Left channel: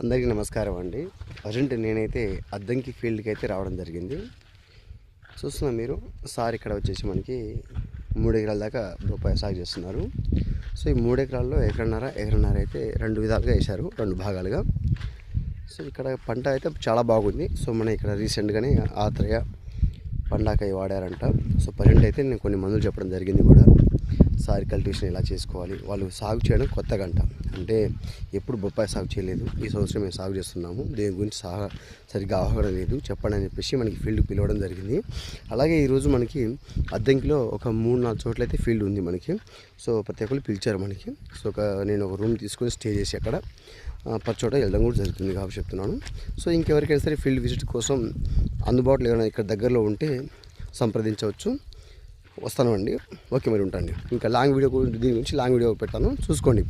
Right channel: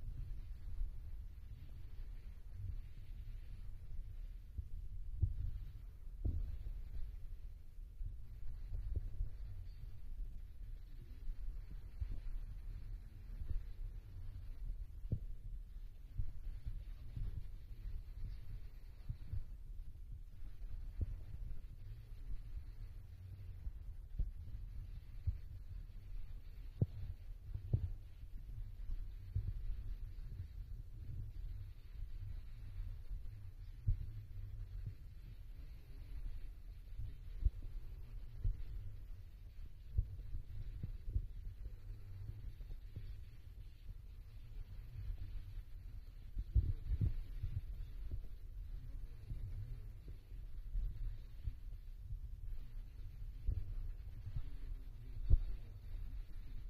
అందరికీ నమస్కారం అండి. ప్రజెంట్ నేనైతే అద్దంకి ఫీల్డ్కి అయితే రావడం జరిగింది. చూస్తున్నా మీరు సార్ ఇక్కడ వచ్చేసి మనకి మూడు ఎకరాల దాకా బొప్పాయి సాగు చేస్తున్నారు. సో ఈ మూడు ఎకరాల్లో ఎకరన్నర ఎకరన్నర అయితే రెండు విధాలుగా వేశారు రెండు భాగాలుగా. సో ఇక్కడ పంట అయితే చాలా బాగుంది. సో మన ఇక్కడ రీసెంట్గానే ఆత్రయ పండాకాయ వాడారంట. సో ప్రజెంట్ అయితే నేను కొన్ని మందులు చెప్పడం జరిగింది కూడా. సారి కల్టివేషన్ ఎలా చేసుకోవాలి? వాళ్ళు సాగు చేయడం కొత్త గంట. అంటే ఎప్పుడు బొప్పాయి సాగు చేయలేదు. ఈ సంవత్సరం మేము సాగు చేస్తున్నాము. దేని గురించి సా సరిగ్గా అవగాహన లేదు. చెప్పండి అని చెప్పేసి మనకి ఫీల్డ్ పిలవడం జరిగింది. అలాగే ఈరోజు మనకి అద్దంకిలో ఒక మూడు నాలుగు చోట్ల అయితే ఫీల్డ్ ఉంది మనకి. సో ప్రతి ఒక్కరు పిలిచారు మనకి. సో ఒక నేను ఒక రూమ్ తీసుకొని స్టే చేసి అక్కడ ఆ, ప్రతి చోట వెళ్ళడం కూడా జరుగుతుంది కాబట్టి చెప్తున్నాను. సో ఇంకెవరికైనా సరే ఫీల్డ్ విజిట్ కోసం అందుబాటులో ఏమైనా ఇక్కడ దగ్గరలో ఉంటే సంప్రదించవచ్చు. వస్తాను అండి. ఓకే మరి ఉంటాను ఇంకా లాంగ్ వీడియో దీని గురించి లాంగ్ వీడియో పెట్టాను. చూసుకోండి.